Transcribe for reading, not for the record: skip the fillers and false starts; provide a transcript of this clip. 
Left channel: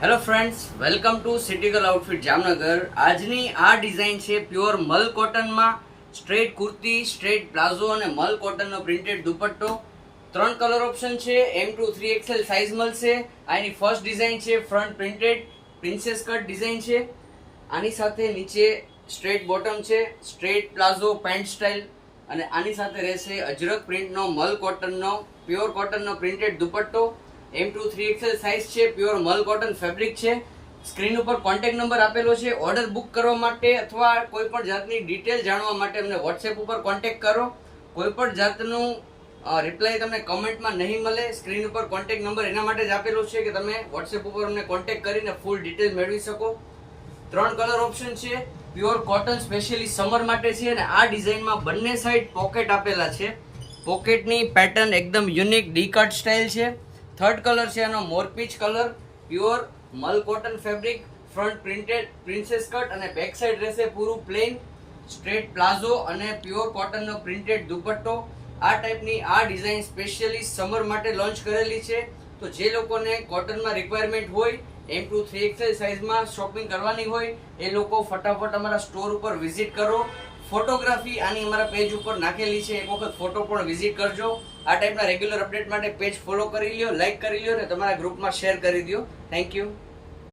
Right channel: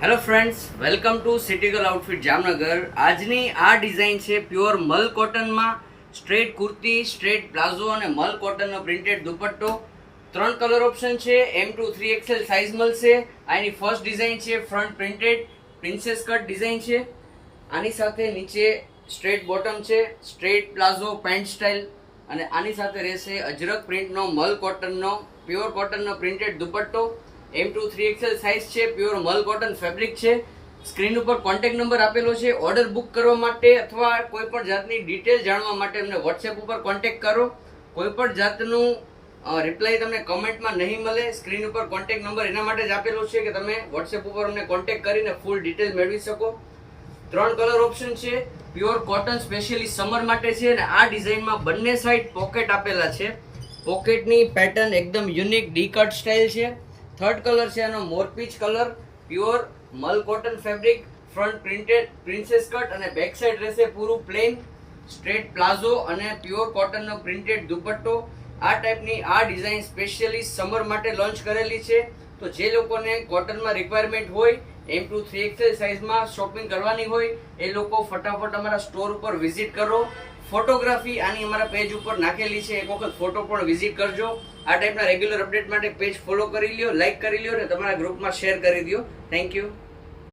Hello friends, welcome to City Gal Outfit Jamnagar. આજની આ design છે પ્યોર મલ કોટનમાં. સ્ટ્રેટ કુર્તી, સ્ટ્રેટ પ્લાઝો અને મલ કોટનનો પ્રિન્ટેડ દુપટ્ટો. 3 કલર ઓપ્શન છે, M2 3XL સાઇઝ મળશે. આની ફર્સ્ટ ડિઝાઇન છે front printed princess cut design છે. આની સાથે નીચે સ્ટ્રેટ બોટમ છે, સ્ટ્રેટ પ્લાઝો પેન્ટ સ્ટાઇલ, અને આની સાથે રહેશે અજરક પ્રિન્ટનો મલ કોટનનો પ્યોર કોટનનો પ્રિન્ટેડ દુપટ્ટો. M2 3XL સાઇઝ છે, પ્યોર મલ કોટન ફેબ્રિક છે. સ્ક્રીન ઉપર કોન્ટેક્ટ નંબર આપેલો છે. ઓર્ડર બુક કરવા માટે અથવા કોઈ પણ જાતની ડિટેલ જાણવા માટે અમને વોટ્સએપ ઉપર કોન્ટેક્ટ કરો. કોઈ પણ જાતનું રિપ્લાય તમને કમેન્ટમાં નહીં મળે. સ્ક્રીન ઉપર કોન્ટેક્ટ નંબર એના માટે જ આપેલો છે કે તમે વોટ્સએપ ઉપર અમને કોન્ટેક્ટ કરીને ફૂલ ડિટેલ મેળવી શકો. 3 કલર ઓપ્શન છે, પ્યોર કોટન સ્પેશિયલી સમર માટે છે. અને આ ડિઝાઇનમાં બંને સાઈડ પોકેટ આપેલા છે. પોકેટની પેટર્ન એકદમ યુનિક ડી કટ સ્ટાઇલ છે. થર્ડ કલર છે એનો મોરપીચ colour, pure mul cotton fabric, front printed princess cut અને બેક સાઈડ રહેશે પૂરું પ્લેન સ્ટ્રેટ પ્લાઝો અને પ્યોર કોટનનો પ્રિન્ટેડ દુપટ્ટો. આ ટાઈપની આ ડિઝાઇન સ્પેશિયલી સમર માટે લોન્ચ કરેલી છે. તો જે લોકોને કોટનમાં રિક્વાયરમેન્ટ હોય, M2 3XL સાઇઝમાં શોપિંગ કરવાની હોય, એ લોકો ફટાફટ અમારા સ્ટોર ઉપર વિઝિટ કરો. ફોટોગ્રાફી આની અમારા પેજ ઉપર નાખેલી છે, એક વખત ફોટો પણ વિઝિટ કરજો. આ ટાઈપના રેગ્યુલર અપડેટ માટે પેજ ફોલો કરી લ્યો, લાઈક કરી લ્યો અને તમારા ગ્રુપમાં શેર કરી દો. Thank you.